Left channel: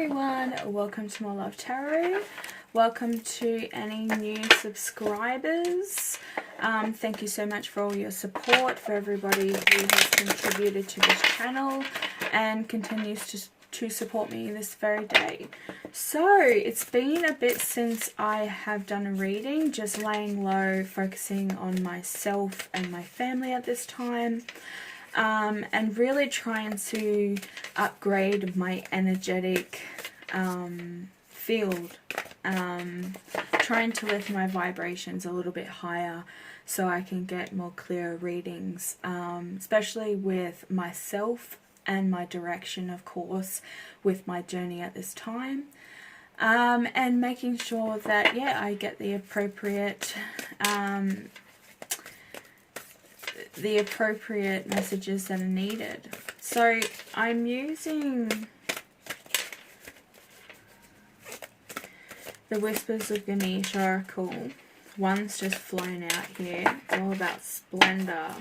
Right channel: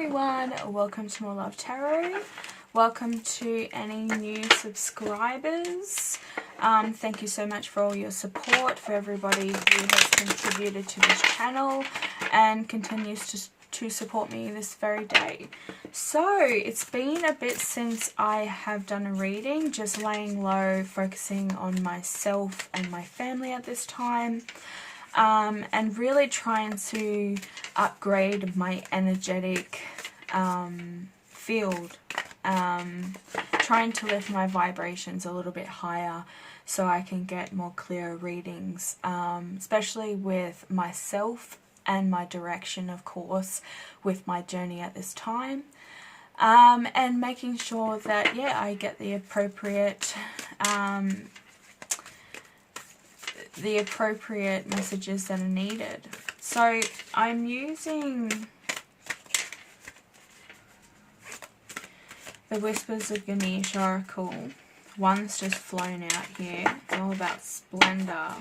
everyone, welcome to More Love Tarot. Welcome to any new subscribers. Thank you so much for all your support, for everybody who has contributed to this channel and continues to support me this very day. So it's been a bit since I have done a reading, just laying low, focusing on myself and my family at this time. And really trying to upgrade my energetic field, trying to lift my vibrations a little bit higher so I can get more clear readings, especially with myself and my direction, of course, with my journey at this time, and making sure that, yeah, I get the appropriate messages that are needed. So I'm using the Whispers of Ganesh Oracle. One's just flown out here. It's all about splendor.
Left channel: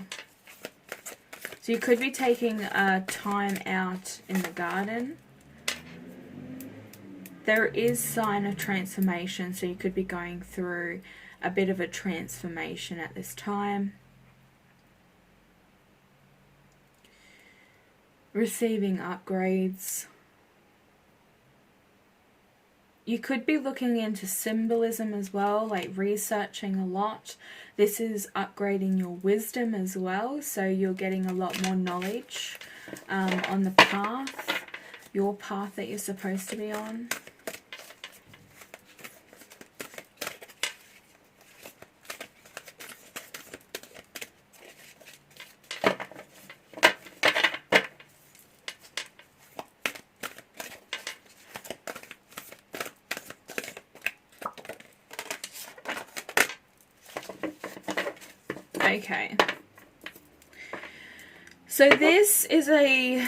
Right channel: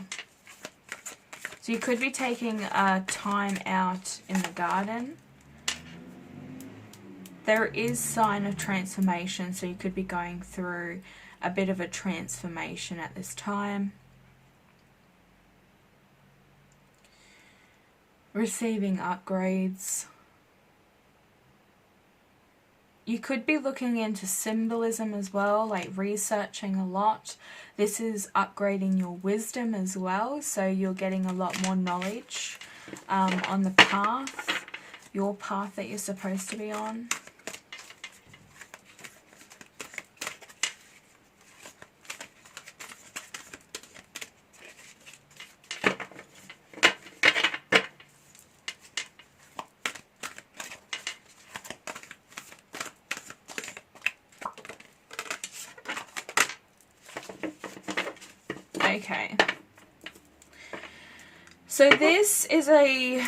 So you could be taking a time out in the garden. There is sign of transformation, so you could be going through a bit of a transformation at this time. Receiving upgrades. You could be looking into symbolism as well, like researching a lot. This is upgrading your wisdom as well, so you're getting a lot more knowledge on the path, your path that you're supposed to be on. Okay, so this is a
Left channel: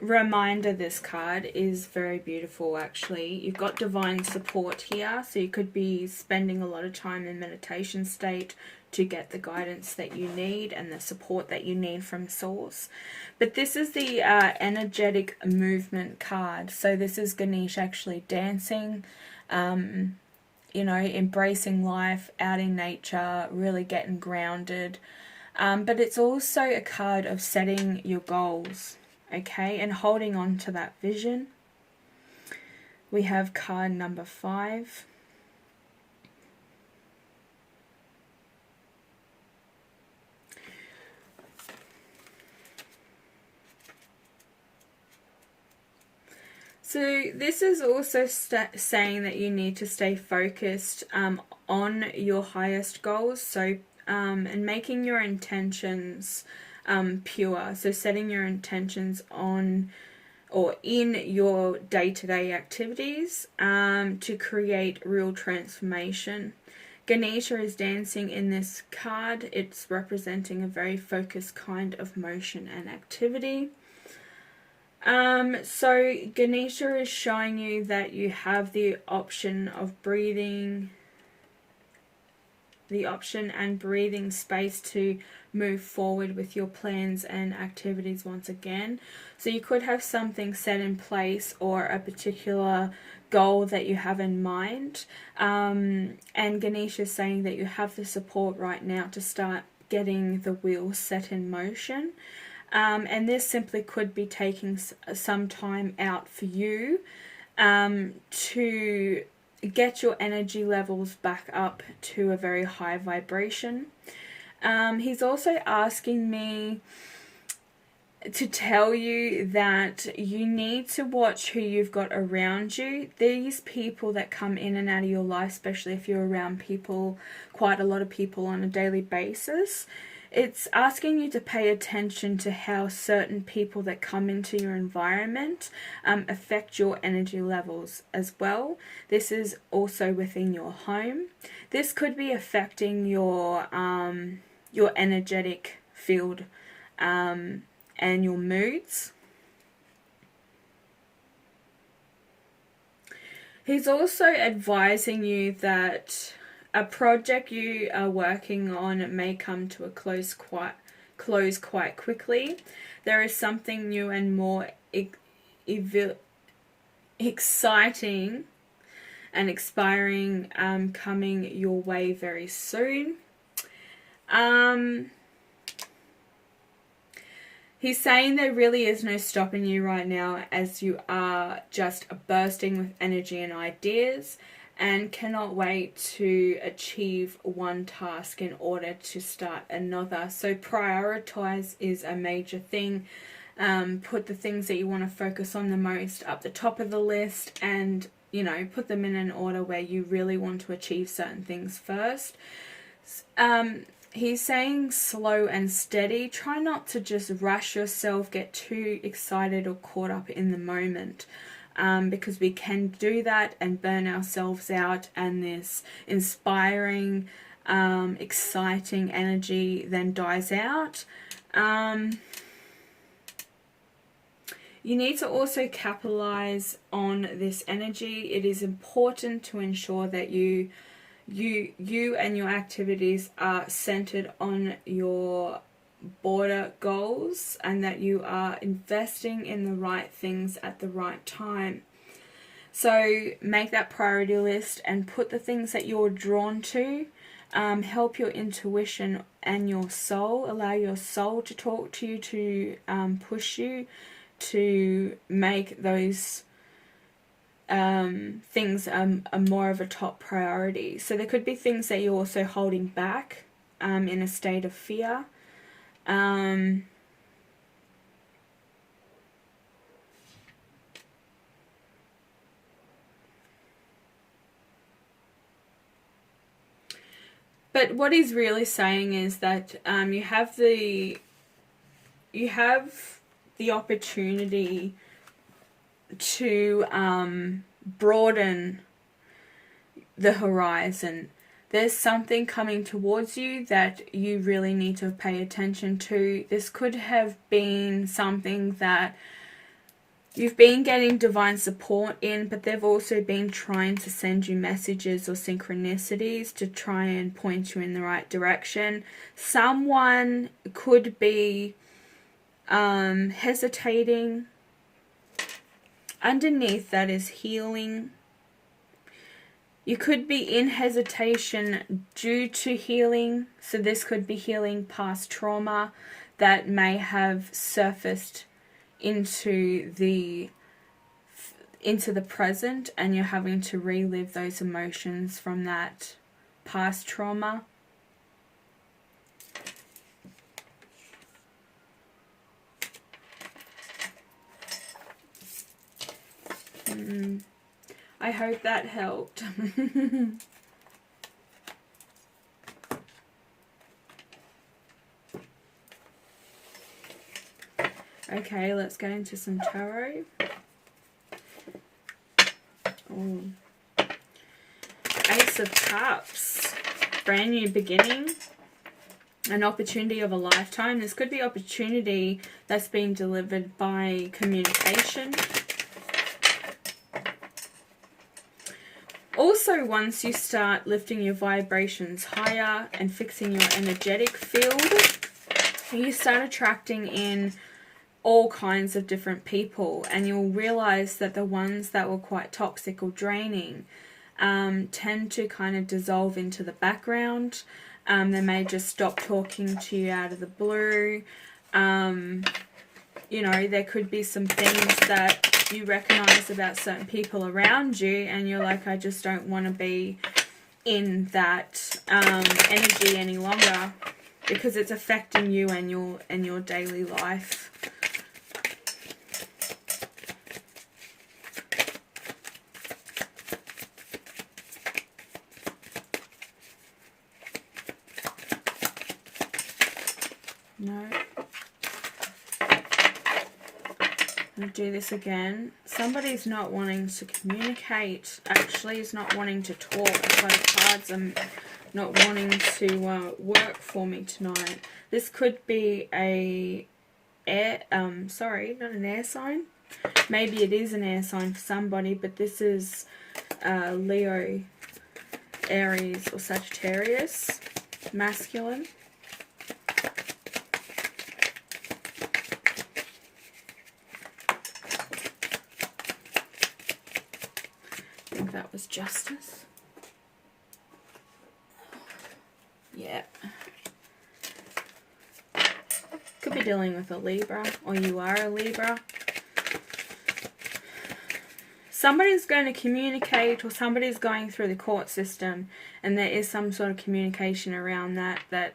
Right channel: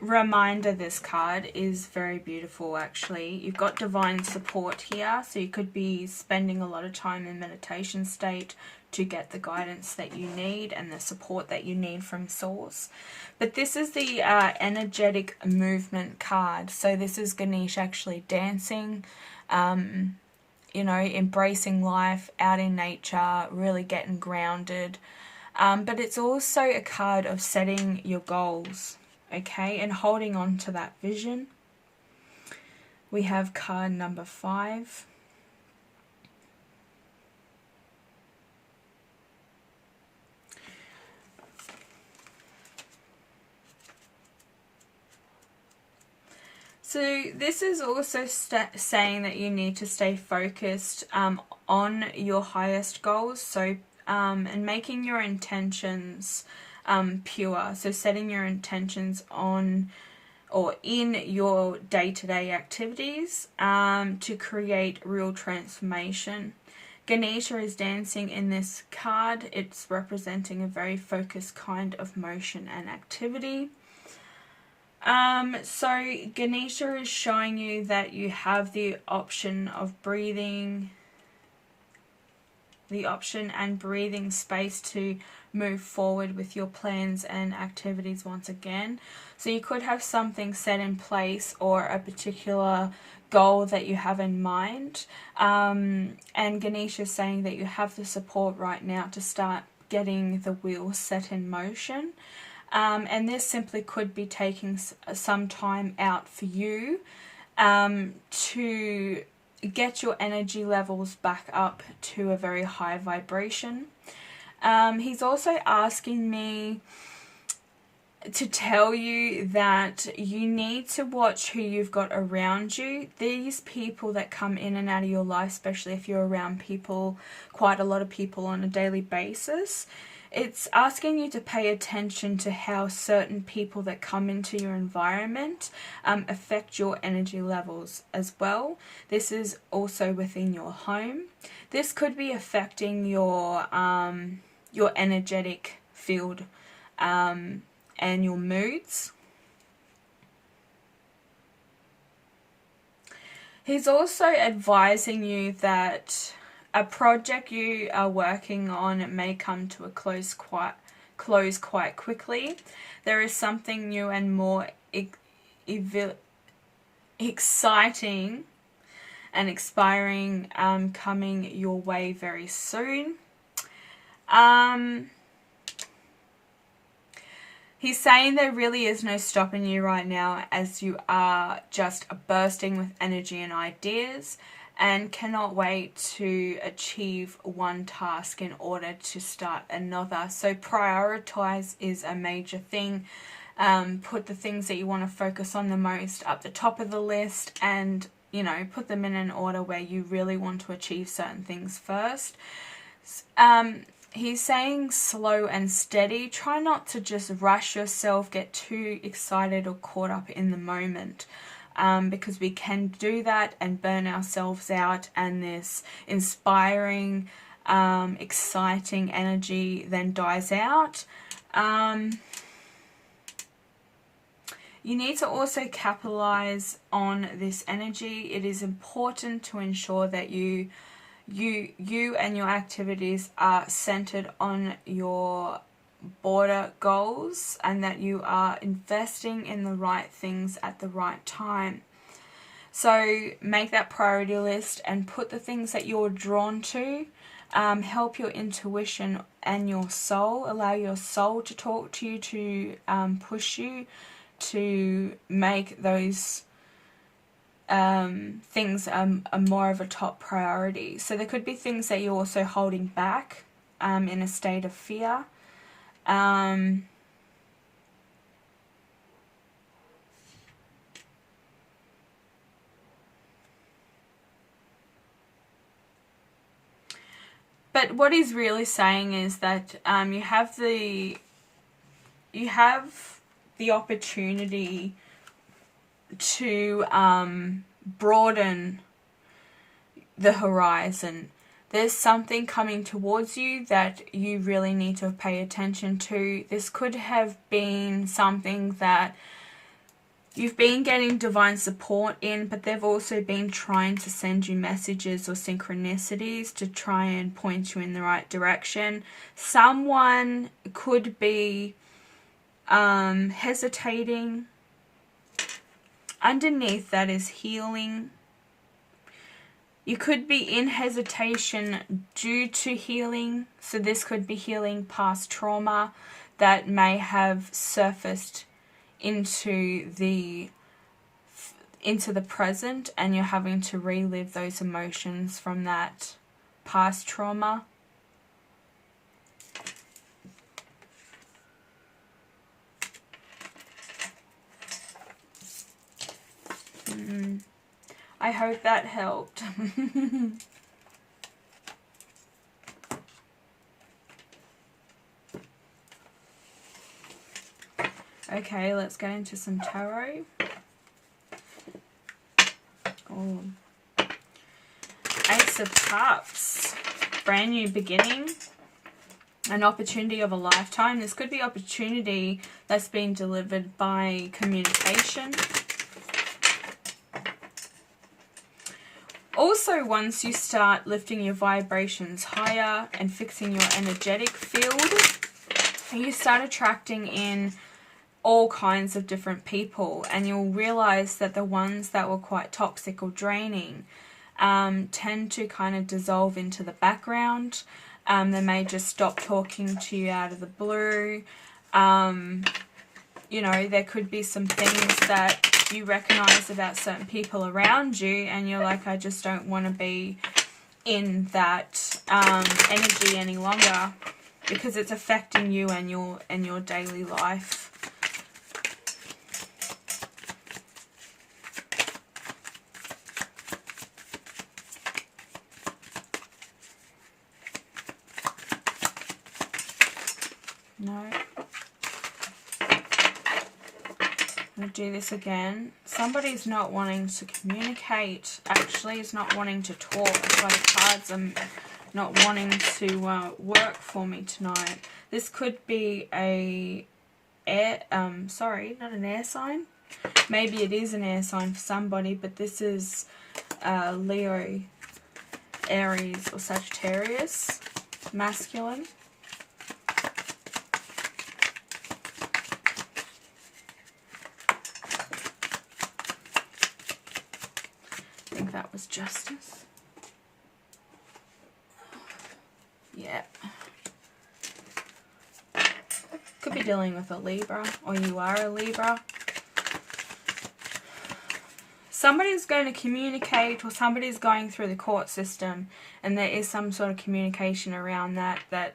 reminder. This card is very beautiful, actually. You've got divine support here, so you could be spending a lot of time in meditation state to get the guidance that you need and the support that you need from source. But this is the energetic movement card. So this is Ganesh actually dancing, you know, embracing life, out in nature, really getting grounded. But it's also a card of setting your goals, okay, and holding on to that vision. We have card number 5. So this is also saying that you need to stay focused on your highest goals. So and making your intentions pure. So setting your intentions on or in your day-to-day activities to create real transformation. Ganesha is dancing in this card. It's representing a very focused kind of motion and activity. So Ganesha is showing you that you have the option of breathing, and breathing space to move forward with your plans and activities once again. So you could have something set in place or a particular goal that you have in mind. And Ganesha is saying that you have the support right now to start getting the wheels set in motion. And this simply could be taking some time out for you to get your energy levels back up to a very high vibration. He's also asking me to tell you that you need to watch who you've got around you. These people that come in and out of your life, especially if you're around people, quite a lot of people on a daily basis, it's asking you to pay attention to how certain people that come into your environment affect your energy levels as well. This is also within your home. This could be affecting your energetic field and your moods. He's also advising you that a project you are working on may come to a close quite quickly. There is something new and more exciting and expiring coming your way very soon. He's saying there really is no stopping you right now, as you are just bursting with energy and ideas and cannot wait to achieve one task in order to start another. So prioritize is a major thing. Put the things that you want to focus on the most up the top of the list, and you know, put them in an order where you really want to achieve certain things first. He's saying slow and steady. Try not to just rush yourself, get too excited or caught up in the moment, because we can do that and burn ourselves out, and this inspiring, exciting energy then dies out. You need to also capitalize on this energy. It is important to ensure that you and your activities are centered on your border goals, and that you are investing in the right things at the right time. So make that priority list and put the things that you're drawn to. Help your intuition and your soul. Allow your soul to talk to you, to push you to make those things are more of a top priority. So there could be things that you're also holding back in a state of fear. But what he's really saying is that you have the opportunity to broaden the horizon. There's something coming towards you that you really need to pay attention to. This could have been something that you've been getting divine support in, but they've also been trying to send you messages or synchronicities to try and point you in the right direction. Someone could be hesitating. Underneath that is healing. You could be in hesitation due to healing. So this could be healing past trauma that may have surfaced into the present, and you're having to relive those emotions from that past trauma. I hope that helped. Okay, let's go into some tarot. Oh. Ace of Cups. Brand new beginning. An opportunity of a lifetime. This could be opportunity that's been delivered by communication. Also, once you start lifting your vibrations higher and fixing your energetic field, you start attracting in all kinds of different people, and you'll realize that the ones that were quite toxic or draining tend to kind of dissolve into the background. They may just stop talking to you out of the blue. You know, there could be some things that you recognize about certain people around you, and you're like, I just don't want to be in that energy any longer, because it's affecting you and your daily life. No. I'm going to do this again. Somebody's not wanting to communicate. Actually, is not wanting to talk. So the cards are not wanting to work for me tonight. This could be a sorry, not an air sign. Maybe it is an air sign for somebody, but this is Leo, Aries, or Sagittarius, masculine. think that was justice. Yeah. Could be dealing with a Libra, or you are a Libra. Somebody's going to communicate, or somebody's going through the court system, and there is some sort of communication around that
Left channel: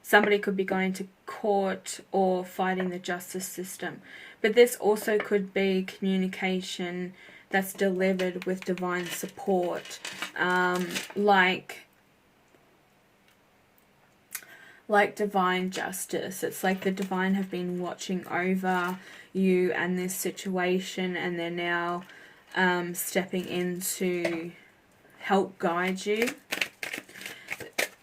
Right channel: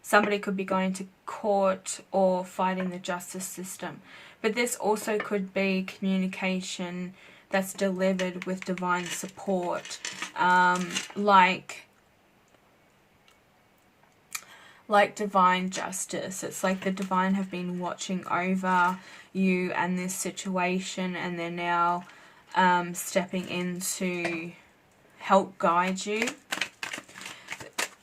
somebody could be going to court or fighting the justice system. But this also could be communication that's delivered with divine support, like divine justice. It's like the divine have been watching over you and this situation, and they're now stepping in to help guide you.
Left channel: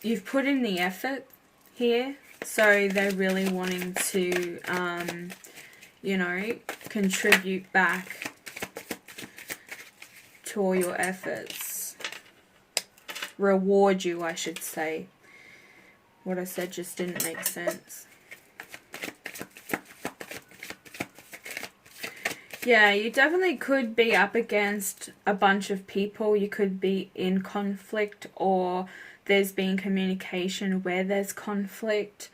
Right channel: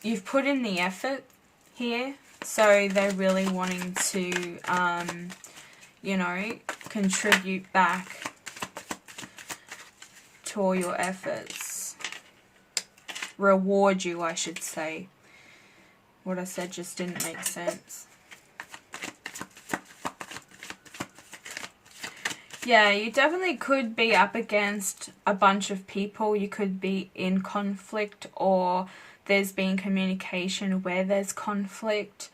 You've put in the effort here, so they're really wanting to, you know, contribute back to all your efforts. Reward you, I should say. What I said just didn't make sense. Yeah, you definitely could be up against a bunch of people. You could be in conflict, or there's been communication where there's conflict.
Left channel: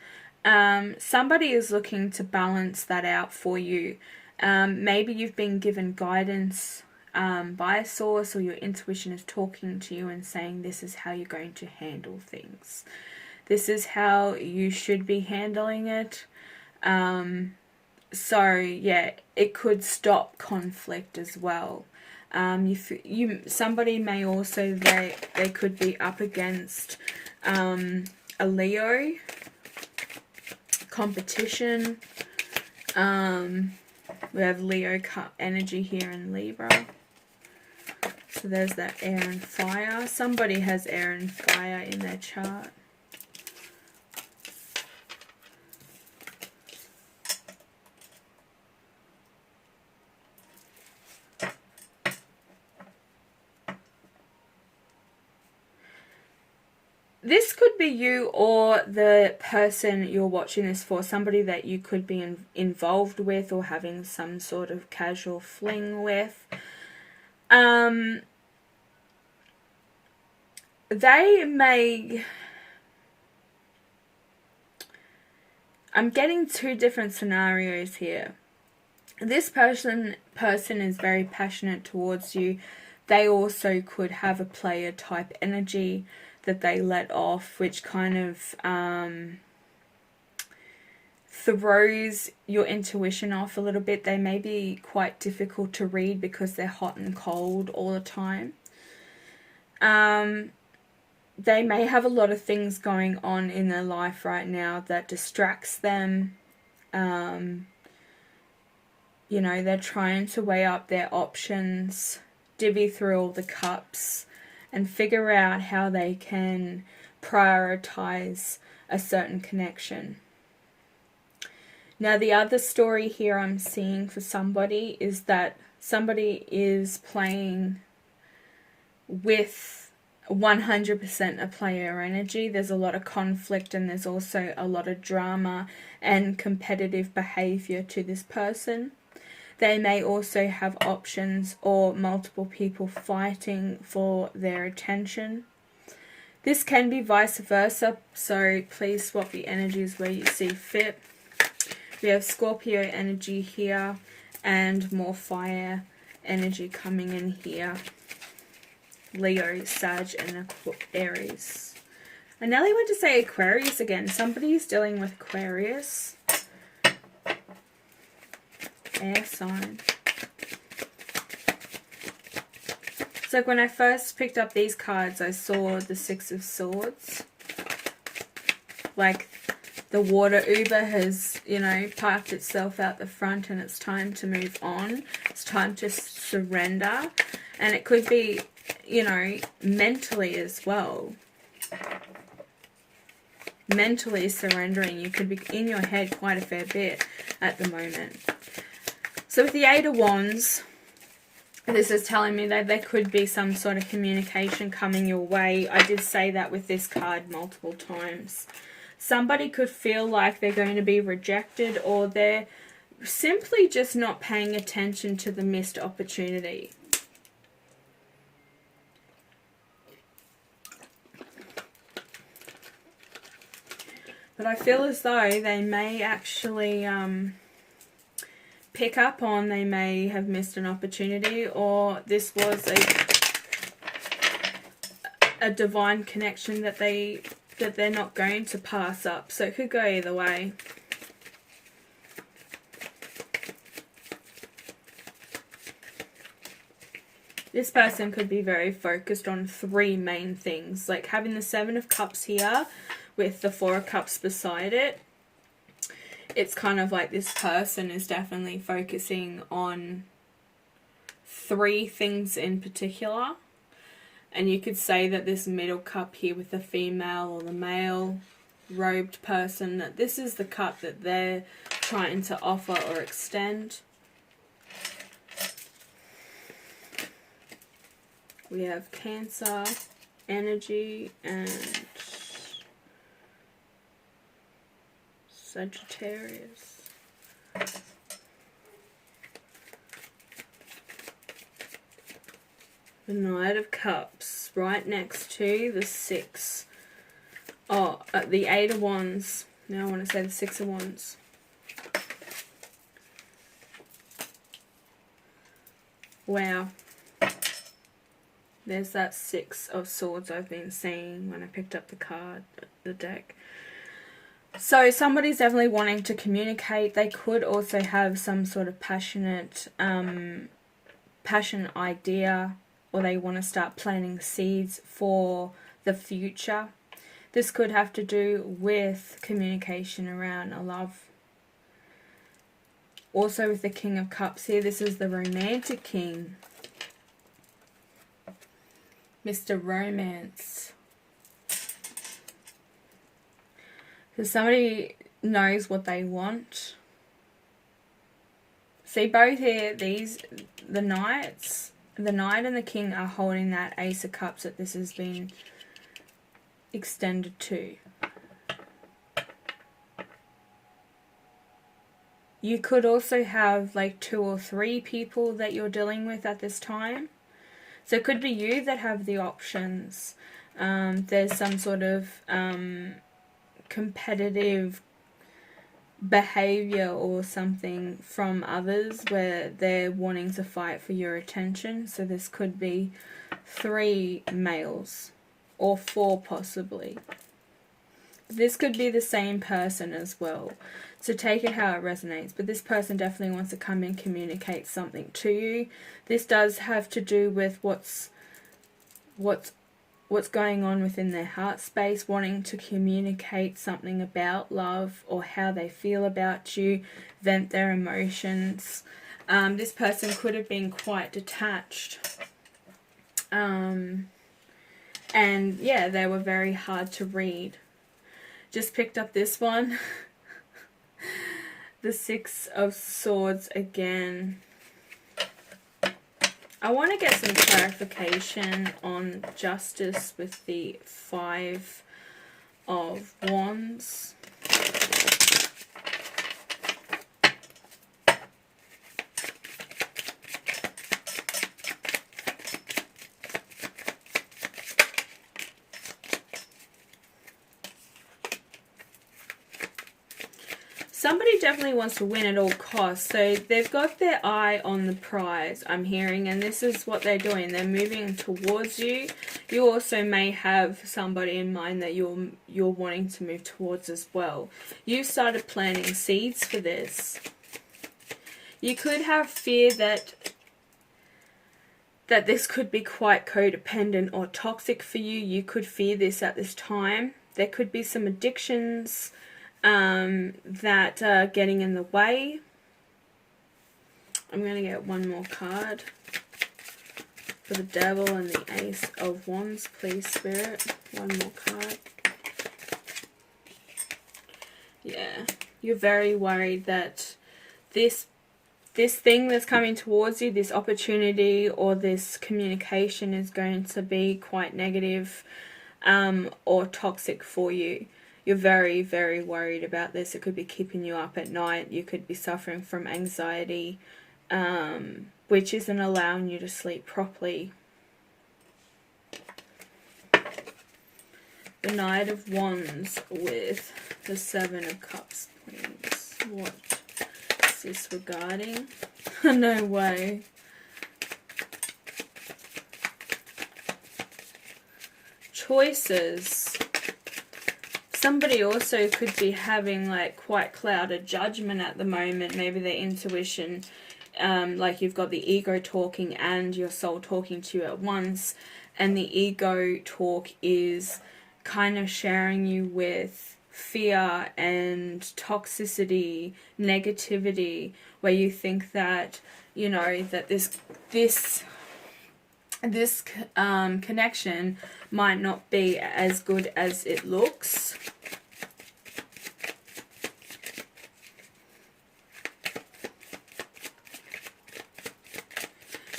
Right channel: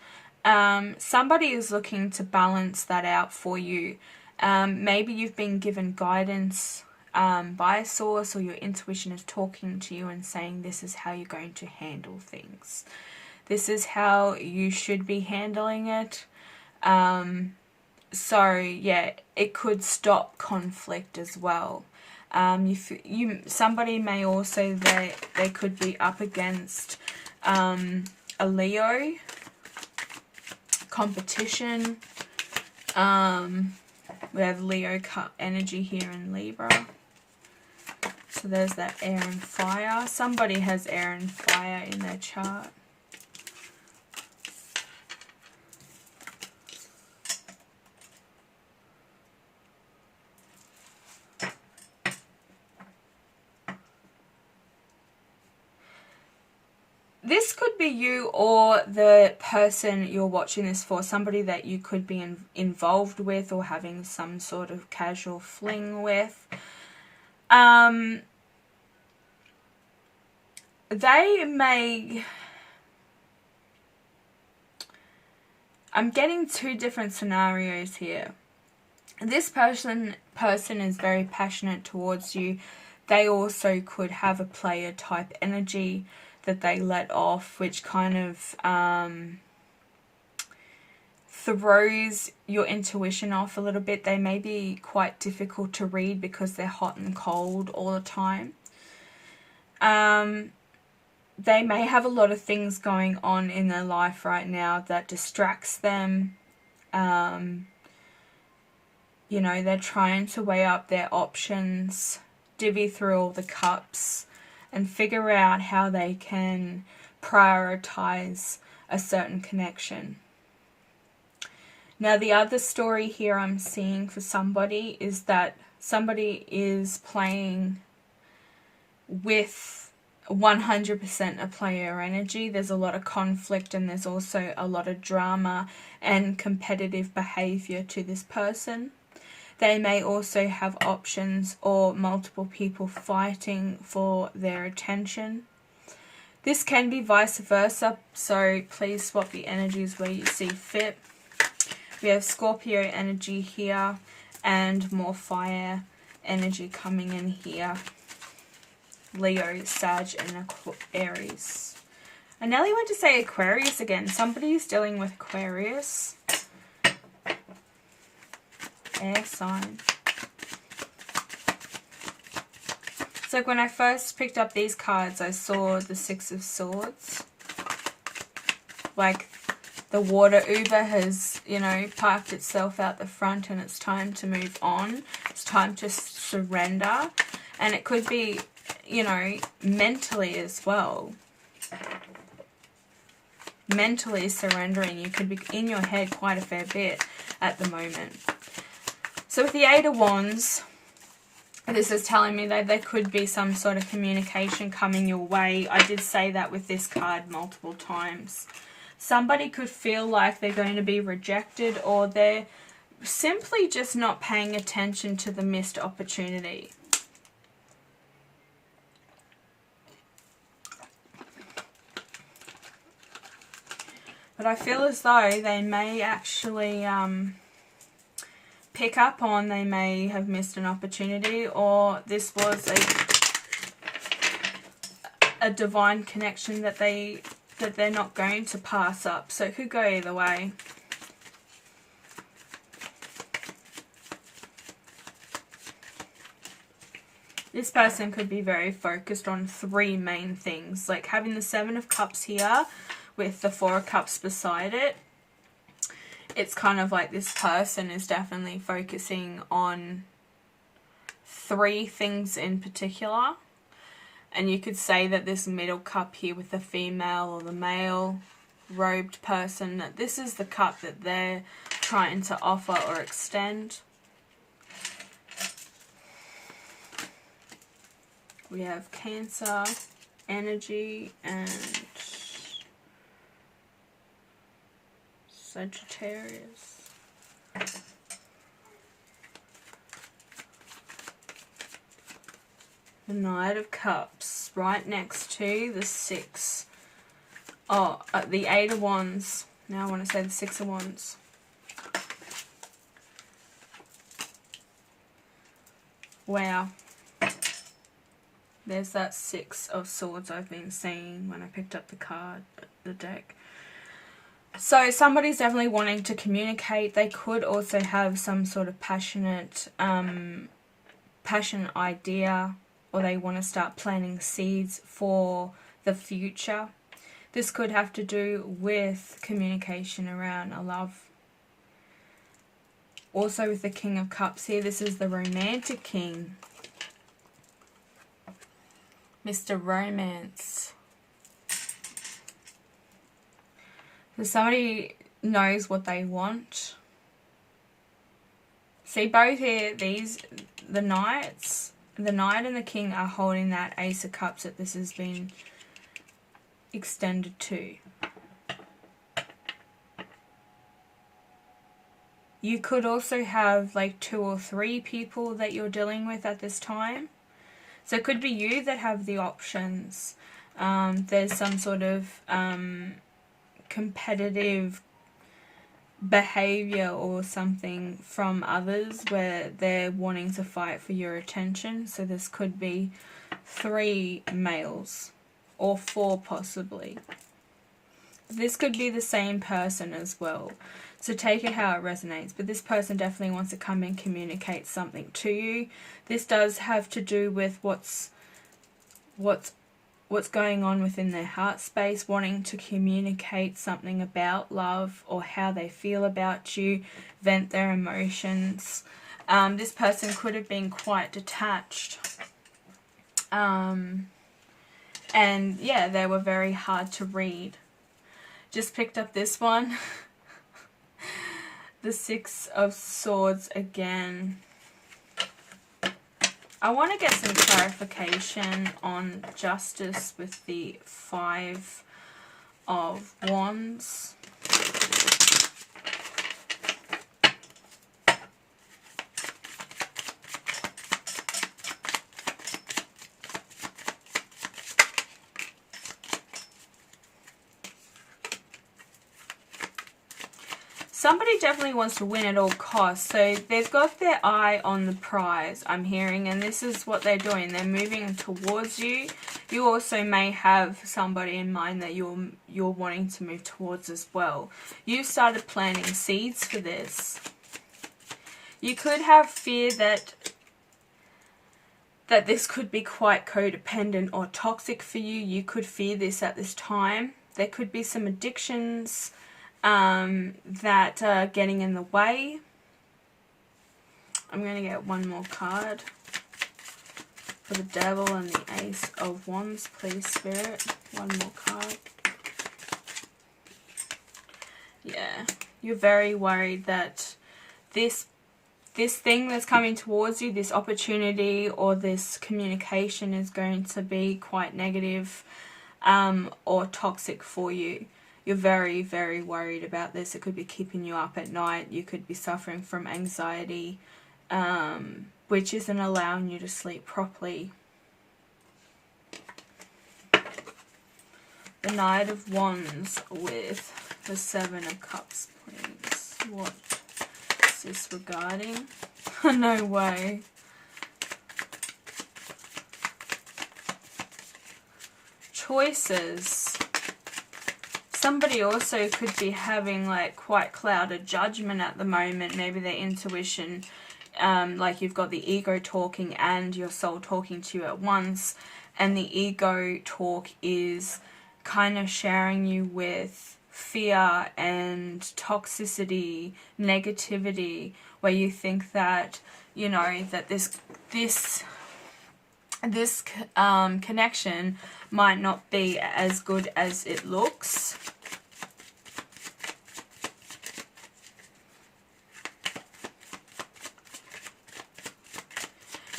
Somebody is looking to balance that out for you. Maybe you've been given guidance by a source, or your intuition is talking to you and saying this is how you're going to handle things. This is how you should be handling it. So yeah, it could stop conflict as well. Somebody may also, they could be up against a Leo competition. We have Leo energy here in Libra. So there's that air and fire. Somebody has air and fire in their chart. This could be you or the person you're watching this for, somebody that you could be involved with or having some sort of casual fling with. They may... I'm getting two different scenarios here. This person is very passionate towards you. They also could have a player type energy that they let off, which kind of throws your intuition off a little bit. They may be quite difficult to read because they're hot and cold all the time. They may have a lot of things going on in their life right now that distracts them. You know, they're trying to weigh up their options, divvy through all the cups, and figure out how they can prioritize a certain connection. Now, the other story here I'm seeing for somebody is that somebody is playing with 100% a player energy. There's a lot of conflict, and there's also a lot of drama and competitive behavior to this person. They may also have options or multiple people fighting for their attention. This can be vice versa, so please swap the energies where you see fit. We have Scorpio energy here and more fire energy coming in here. Leo, Sag, and Aries. I nearly went to say Aquarius again. Somebody's dealing with Aquarius. Air sign. So when I first picked up these cards, I saw the Six of Swords. Like the water Uber has, you know, parked itself out the front, and it's time to move on. It's time to surrender. And it could be, you know, mentally as well. Mentally surrendering. You could be in your head quite a fair bit at the moment. So with the Eight of Wands, this is telling me that there could be some sort of communication coming your way. I did say that with this card multiple times. Somebody could feel like they're going to be rejected, or they're simply just not paying attention to the missed opportunity. But I feel as though they may actually pick up on, they may have missed an opportunity, or this was a divine connection that they're not going to pass up. So it could go either way. This person could be very focused on 3 main things, like having the 7 of Cups here with the 4 of Cups beside it. It's kind of like this person is definitely focusing on 3 things in particular. And you could say that this middle cup here with the female or the male robed person, that this is the cup that they're trying to offer or extend. We have Cancer, energy, and Sagittarius. The Knight of Cups, right next to the 6. Oh, the 8 of Wands. Now I want to say the 6 of Wands. Wow. There's that 6 of Swords I've been seeing when I picked up the deck. So somebody's definitely wanting to communicate. They could also have some sort of passionate idea, or they want to start planting seeds for the future. This could have to do with communication around a love. Also with the King of Cups here, this is the Romantic King. Mr. Romance. So somebody knows what they want. See both here, the Knights, the Knight and the King are holding that Ace of Cups that this has been extended to. You could also have like 2 or 3 people that you're dealing with at this time. So it could be you that have the options. There's some sort of competitive behavior or something from others where they're wanting to fight for your attention. So this could be 3 males or 4 possibly. This could be the same person as well. So take it how it resonates. But this person definitely wants to come and communicate something to you. This does have to do with what's going on within their heart space, wanting to communicate something about love or how they feel about you, vent their emotions. This person could have been quite detached. And yeah, they were very hard to read. Just picked up this one. The 6 of Swords again. I want to get some clarification on justice with the 5 of Wands. Somebody definitely wants to win at all costs. So they've got their eye on the prize, I'm hearing, and this is what they're doing. They're moving towards you. You also may have somebody in mind that you're wanting to move towards as well. You've started planting seeds for this. You could have fear that this could be quite codependent or toxic for you. You could fear this at this time. There could be some addictions that are getting in the way. I'm going to get one more card for the Devil and the Ace of Wands, please, Spirit. One more card. Yeah, you're very worried that this thing that's coming towards you, this opportunity or this communication is going to be quite negative or toxic for you. You're very, very worried about this. It could be keeping you up at night. You could be suffering from anxiety, which isn't allowing you to sleep properly. The Knight of Wands with The Seven of Cups, please. What is this regarding? No way. Choices. Somebody also could be having like quite clouded judgment at the moment. Maybe their intuition, like you've got the ego talking and your soul talking to you at once. And the ego talk is kind of sharing you with fear and toxicity, negativity, where you think that, you know, that this connection might not be as good as it looks.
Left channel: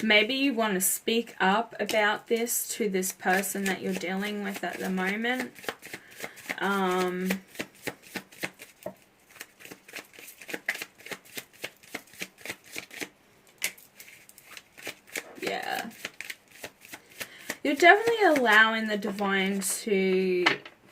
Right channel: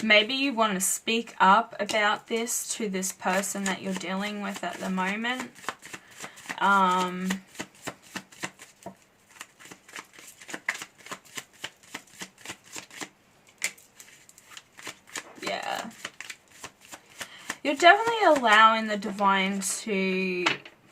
Maybe you want to speak up about this to this person that you're dealing with at the moment. Yeah. You're definitely allowing the divine to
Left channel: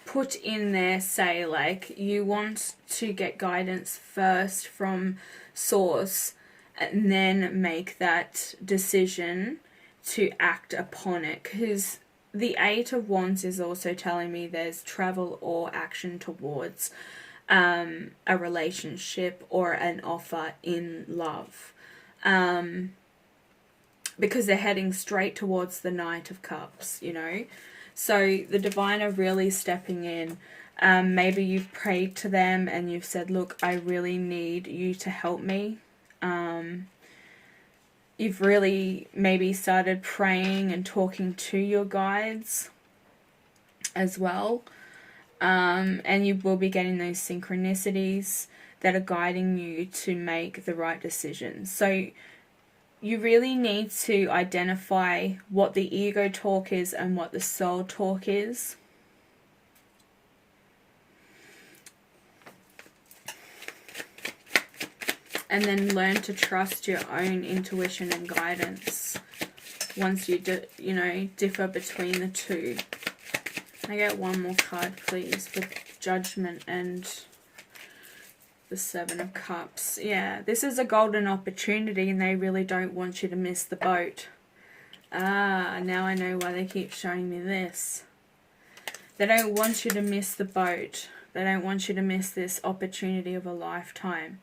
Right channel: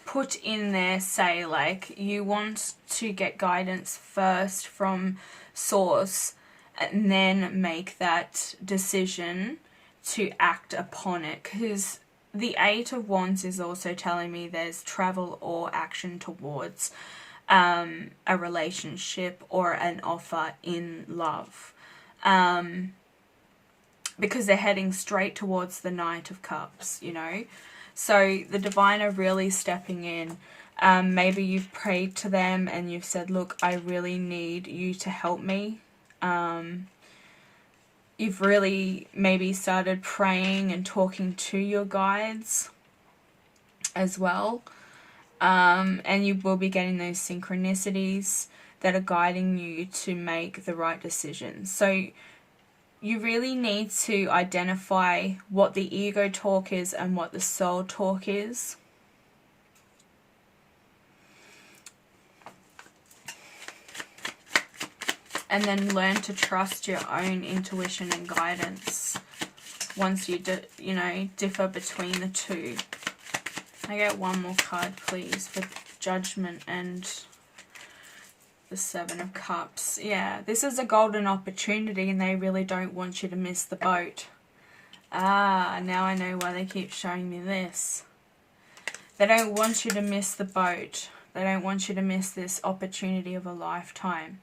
put in there, say, like, you want to get guidance first from source and then make that decision to act upon it. Because the Eight of Wands is also telling me there's travel or action towards a relationship or an offer in love. Because they're heading straight towards the Knight of Cups, you know. So the divine are really stepping in. Maybe you've prayed to them and you've said, look, I really need you to help me. You've really maybe started praying and talking to your guides as well. And you will be getting those synchronicities that are guiding you to make the right decisions. So you really need to identify what the ego talk is and what the soul talk is. And then learn to trust your own intuition and guidance once you, differ between the two. I get one more card, please, for Judgment and the Seven of Cups. Yeah, this is a golden opportunity and they really don't want you to miss the boat. Ah, now I know why they keep showing me this. They don't want you to miss the boat. They don't want you to miss this opportunity of a lifetime.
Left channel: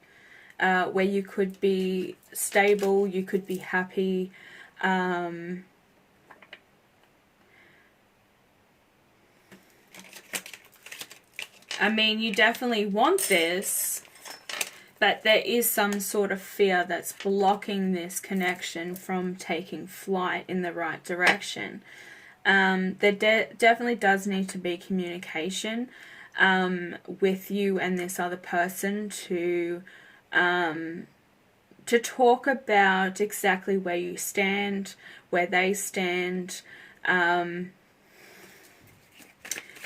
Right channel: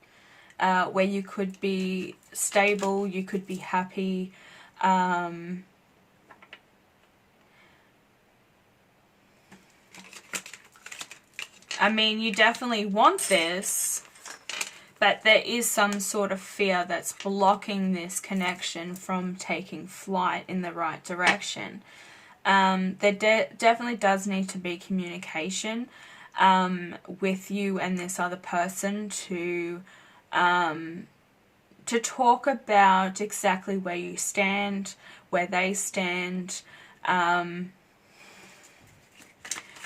Where you could be stable, you could be happy. I mean, you definitely want this, but there is some sort of fear that's blocking this connection from taking flight in the right direction. There definitely does need to be communication with you and this other person to talk about exactly where you stand, where they stand,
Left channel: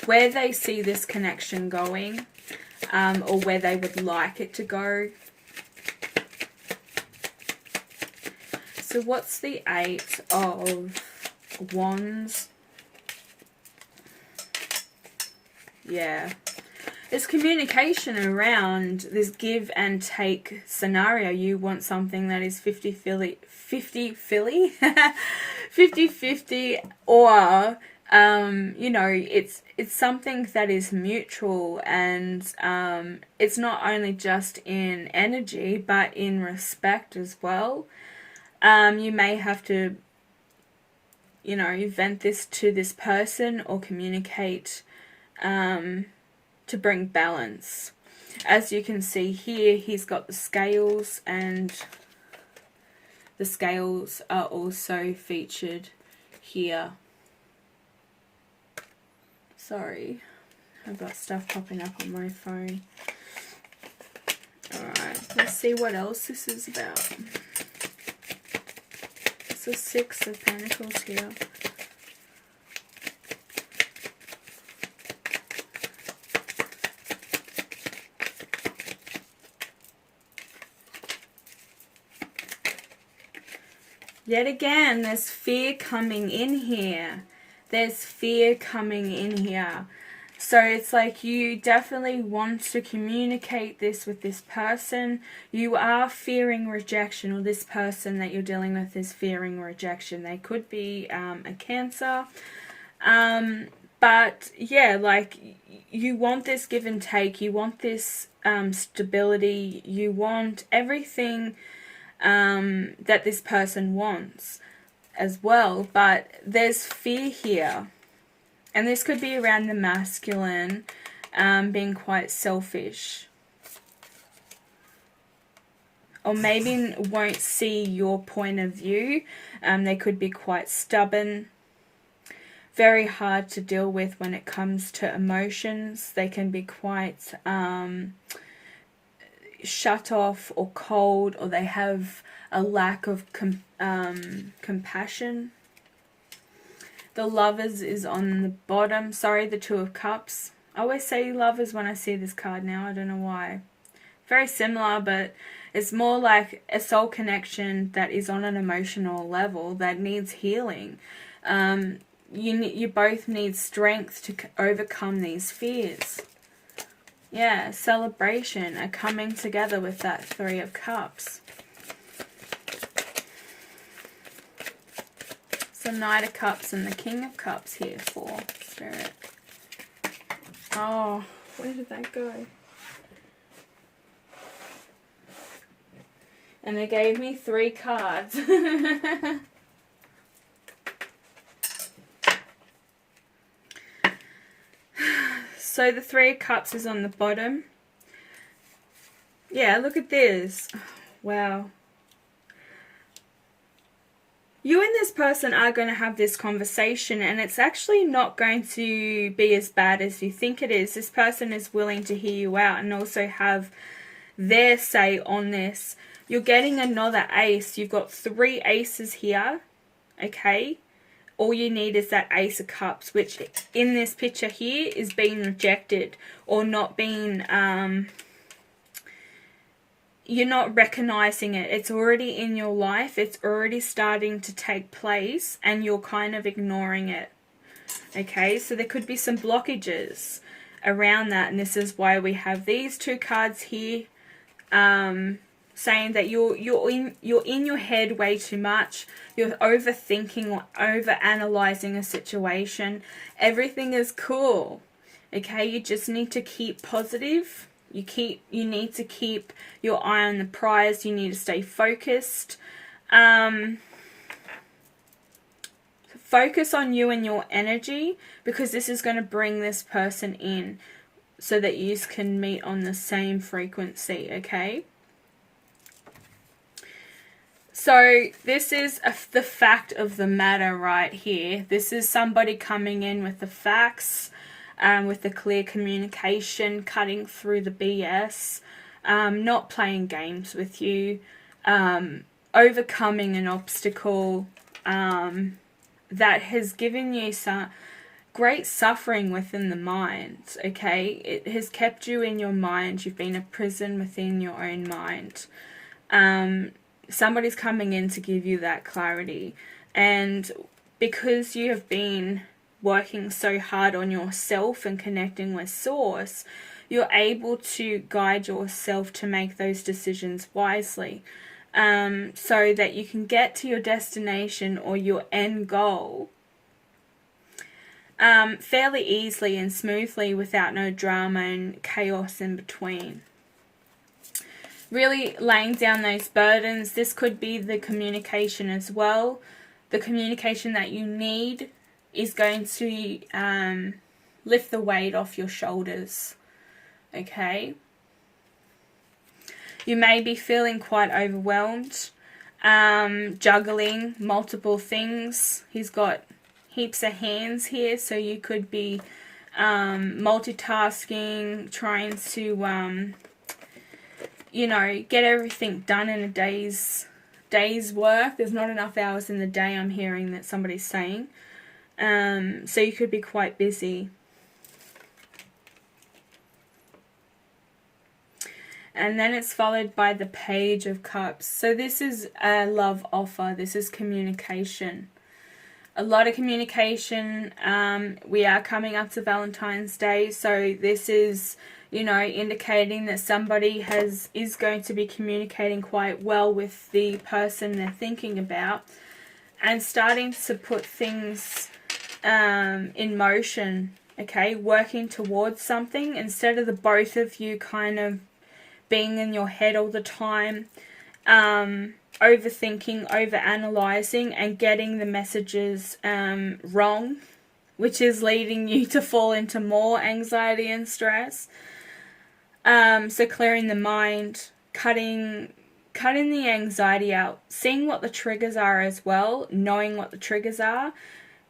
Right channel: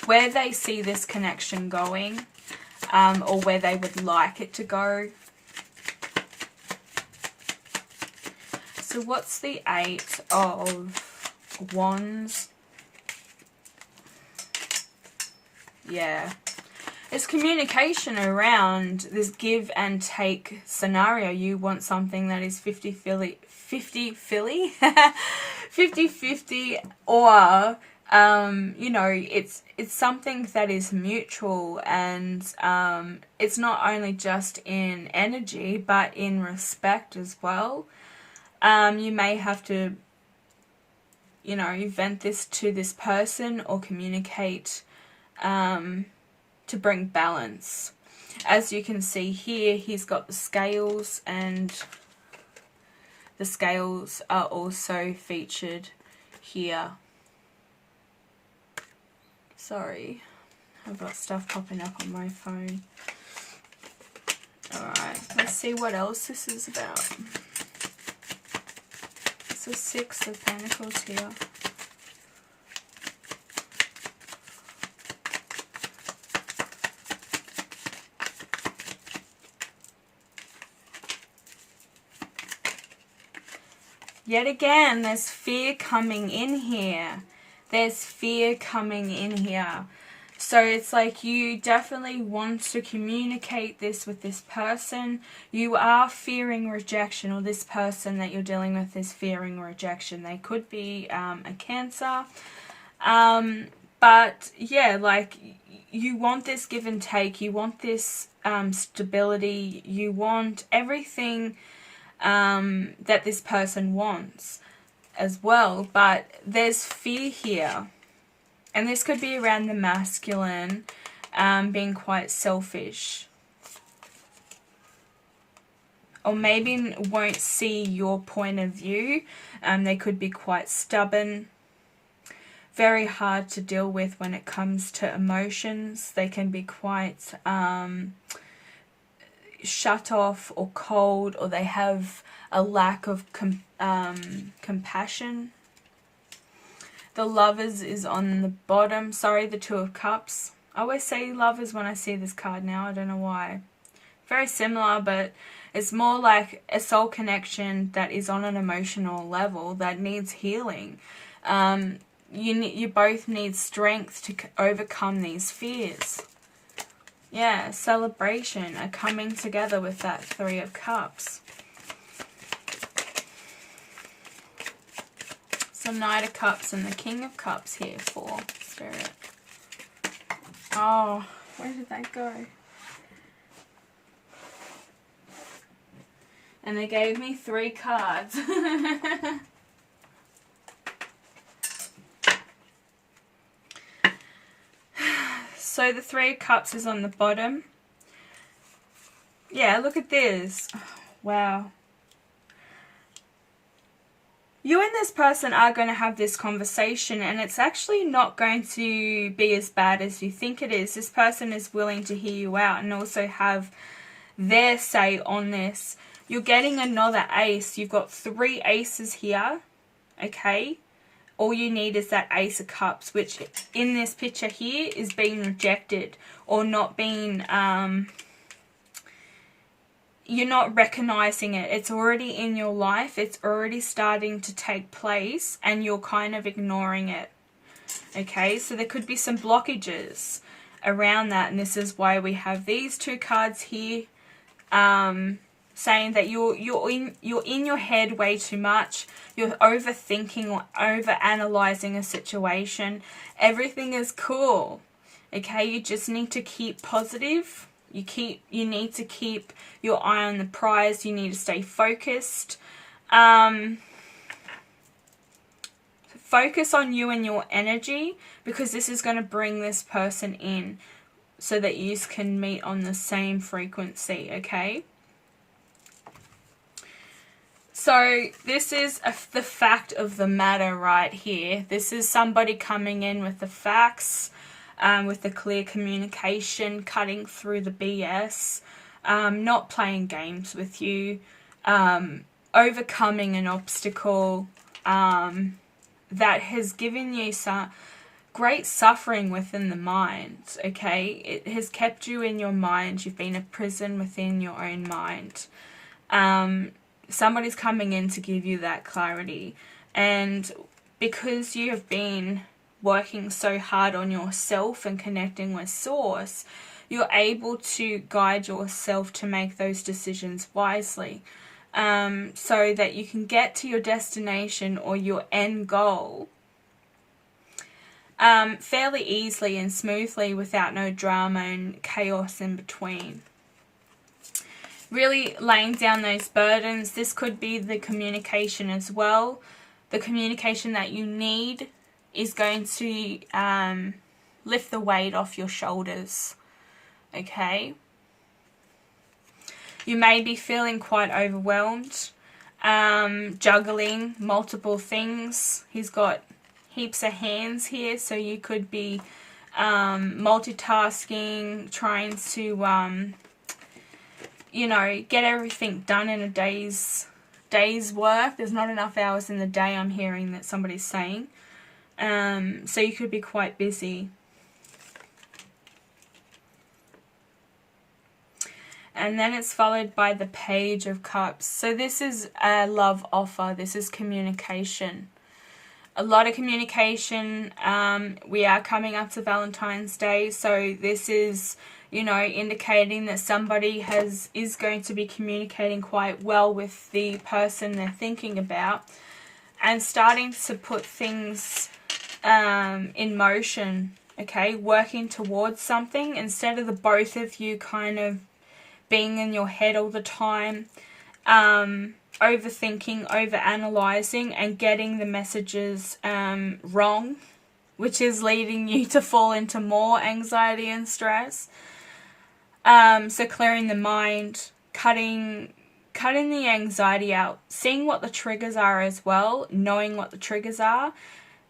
where they see this connection going, or where they would like it to go. So what's the Eight of Wands? Yeah. It's communication around this give and take scenario. You want something that is 50-50, 50-50, or it's something that is mutual, and it's not only just in energy but in respect as well. You may have to vent this to this person or communicate to bring balance. As you can see here, he's got the scales, and the scales are also featured here. Sorry, I've got stuff popping up on my phone. Alright, let's see what else this is about. It's the Six of Pentacles here. Yet again, there's fear coming in here. There's fear coming in here. So it's like you definitely want to communicate this with this person. You are fearing rejection, or this person that you're dealing with is fearing rejection. They could be a Cancer. But yeah, like you want this give and take. You want this stability. You want everything that this person wants as well. But there's fear here. And this could be around the masculine being quite selfish. Or maybe won't see your point of view. They could be quite stubborn. Very hard to deal with when it comes to emotions. They can be quite shut off or cold, or they have a lack of compassion. The Lovers is on the bottom. Sorry, the Two of Cups. I always say Lovers when I see this card now. I don't know why. Very similar, but it's more like a soul connection that is on an emotional level that needs healing. You both need strength to overcome these fears. Yeah, celebration, a coming together with that Three of Cups. The Knight of Cups and the King of Cups here for Spirit. Oh, where did that go? And they gave me 3 cards. So the Three of Cups is on the bottom. Yeah, look at this. Wow. You and this person are going to have this conversation, and it's actually not going to be as bad as you think it is. This person is willing to hear you out and also have their say on this. You're getting another ace. You've got 3 aces here, okay? All you need is that Ace of Cups, which in this picture here is being rejected or not being... you're not recognizing it. It's already in your life. It's already starting to take place and you're kind of ignoring it. Okay, so there could be some blockages around that, and this is why we have these 2 cards here saying that you're in your head way too much. You're overthinking or overanalyzing a situation. Everything is cool. Okay, you just need to keep positive. You need to keep your eye on the prize. You need to stay focused. Focus on you and your energy, because this is going to bring this person in so that you can meet on the same frequency, okay? So this is the fact of the matter right here. This is somebody coming in with the facts, with the clear communication, cutting through the BS, not playing games with you, overcoming an obstacle that has given you some great suffering within the mind, okay? It has kept you in your mind. You've been a prison within your own mind. Somebody's coming in to give you that clarity. And because you have been working so hard on yourself and connecting with Source, you're able to guide yourself to make those decisions wisely, so that you can get to your destination or your end goal fairly easily and smoothly without no drama and chaos in between. Really laying down those burdens. This could be the communication as well. The communication that you need is going to lift the weight off your shoulders, okay? You may be feeling quite overwhelmed, juggling multiple things. He's got heaps of hands here, so you could be multitasking, trying to, you know, get everything done in a day's work. There's not enough hours in the day, I'm hearing that somebody's saying. So you could be quite busy. And then it's followed by the Page of Cups. So this is a love offer. This is communication. a lot of communication. We are coming up to Valentine's Day, so this is, you know, indicating that somebody is going to be communicating quite well with the person they're thinking about, and starting to put things in motion, okay, working towards something instead of the both of you kind of being in your head all the time, overthinking, overanalyzing, and getting the messages wrong, which is leading you to fall into more anxiety and stress. So clearing the mind, cutting the anxiety out, seeing what the triggers are as well, knowing what the triggers are.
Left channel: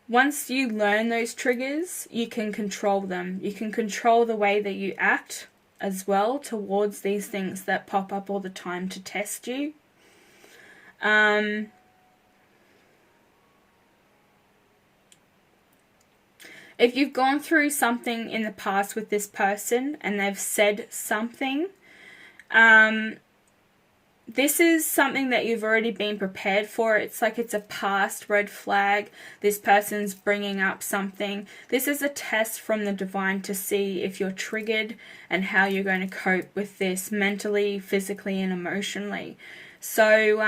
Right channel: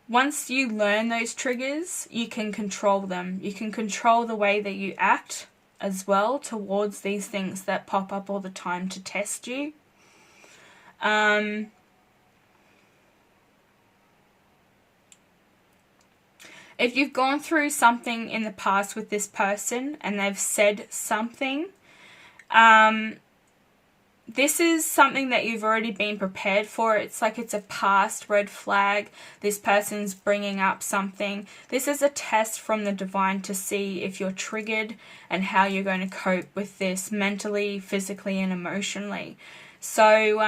Once you learn those triggers, you can control them. You can control the way that you act as well towards these things that pop up all the time to test you. If you've gone through something in the past with this person and they've said something, this is something that you've already been prepared for. It's like it's a past red flag. This person's bringing up something. This is a test from the divine to see if you're triggered and how you're going to cope with this mentally, physically, and emotionally. So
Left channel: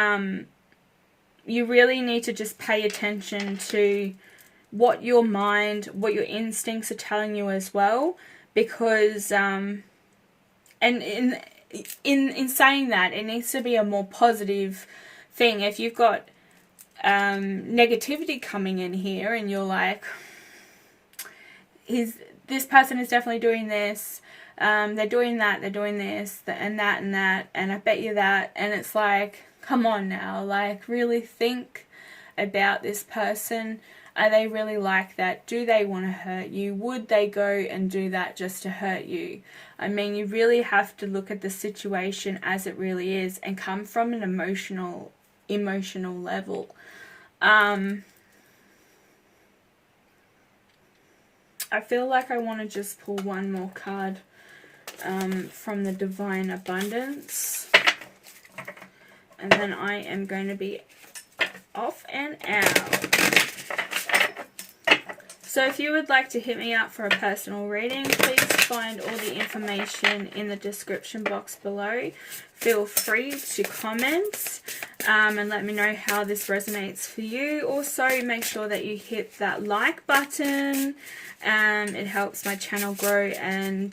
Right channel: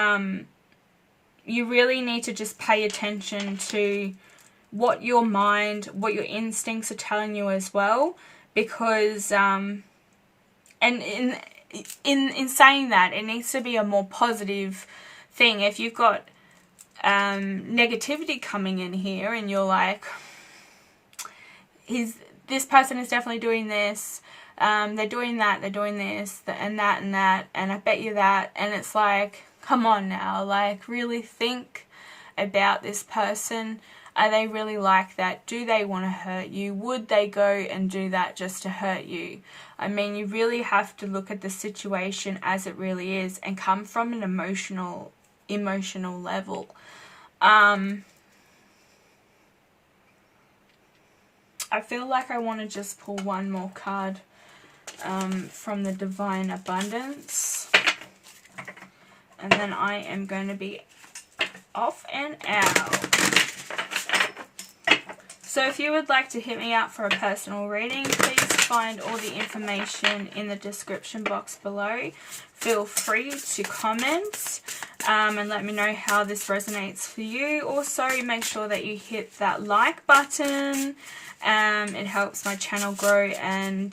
you really need to just pay attention to what your mind, what your instincts are telling you as well, because and in saying that, it needs to be a more positive thing. If you've got negativity coming in here and you're like, this person is definitely doing this, they're doing that, they're doing this, and that, and I bet you that, and it's like, come on now, like, really think about this person. Are they really like that? Do they want to hurt you? Would they go and do that just to hurt you? I mean, you really have to look at the situation as it really is and come from an emotional level. I feel like I want to just pull one more card from the Divine Abundance. And then I am going to be off and out. So if you would like to hit me up for a personal reading, please find all the information in the description box below. Feel free to comment and let me know how this resonates for you. Also, make sure that you hit that like button. It helps my channel grow and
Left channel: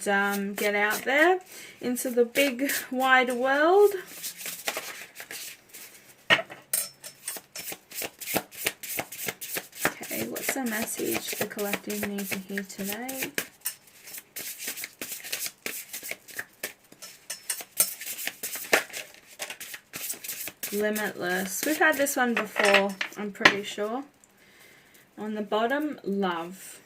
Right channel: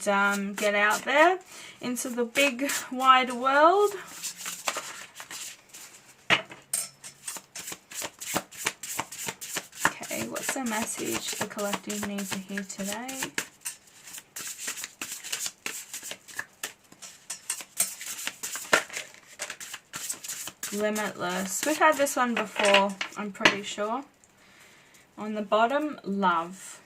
get out there into the big wide world. What's the message the collective needs to hear today? Limitless. We've had this one before, I'm pretty sure. On the bottom, love.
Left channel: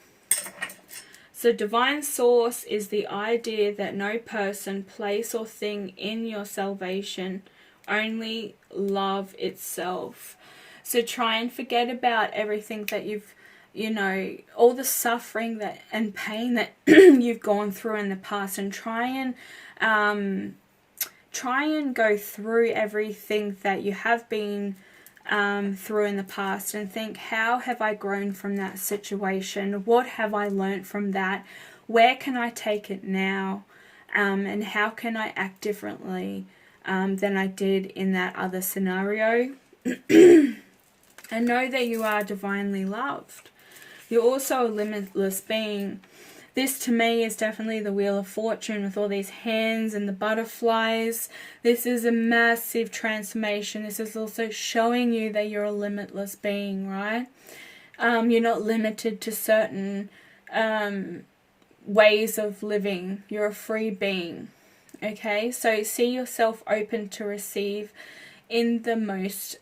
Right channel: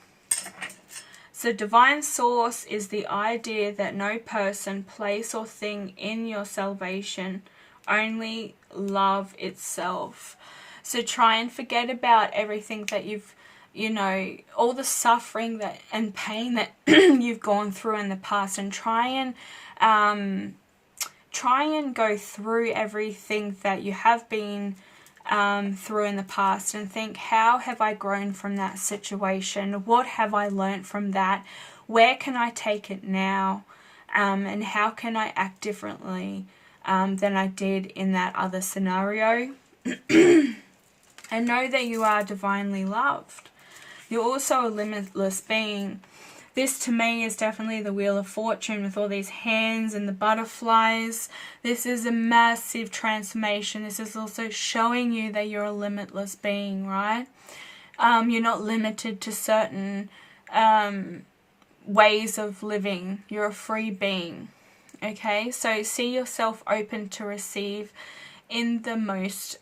So divine source is the idea that no person, place, or thing in your salvation, only love itself. So try and forget about everything that you've, you know, all the suffering that and pain that you've gone through in the past, and try and go through everything that you have been through in the past and think, how have I grown from that situation? What have I learned from that? Where can I take it now? And how can I act differently than I did in that other scenario? And know that you are divinely loved. You're also a limitless being. This to me is definitely the Wheel of Fortune with all these hands and the butterflies. This is a massive transformation. This is also showing you that you're a limitless being, right? You're not limited to certain ways of living. You're a free being. Okay, so see yourself open to receive in the most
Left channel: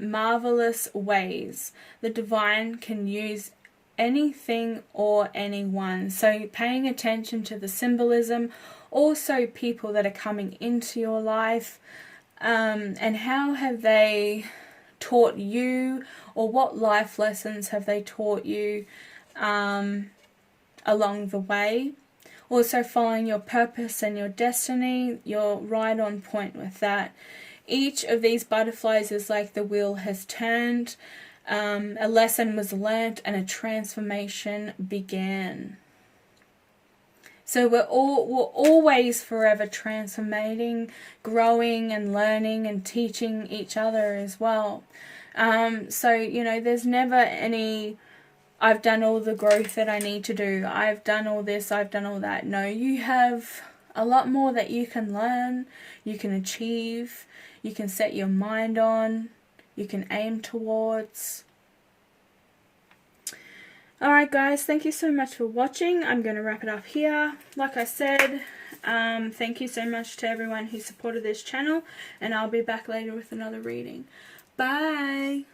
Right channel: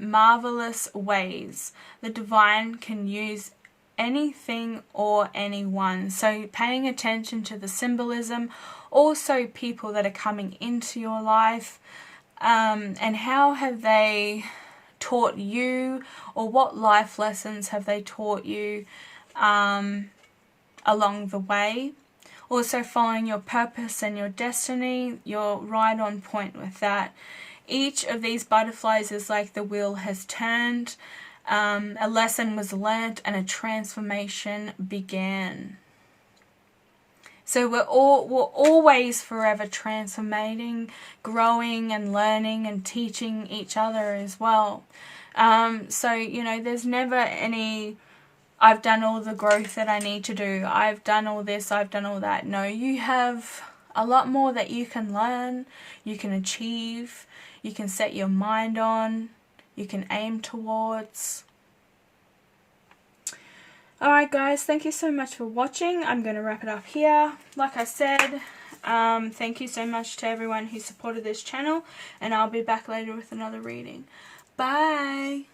marvelous ways. The divine can use anything or anyone. So paying attention to the symbolism, also people that are coming into your life, and how have they taught you, or what life lessons have they taught you along the way. Also following your purpose and your destiny, you're right on point with that. Each of these butterflies is like the wheel has turned. A lesson was learnt and a transformation began. So we're always forever transforming, growing and learning and teaching each other as well. So, you know, there's never any, I've done all the growth that I need to do. I've done all this, I've done all that. No, you have a lot more that you can learn, you can achieve, you can set your mind on, you can aim towards. Alright guys, thank you so much for watching. I'm going to wrap it up here. Like I said, thank you so much to everyone who supported this channel, and I'll be back later with another reading. Bye!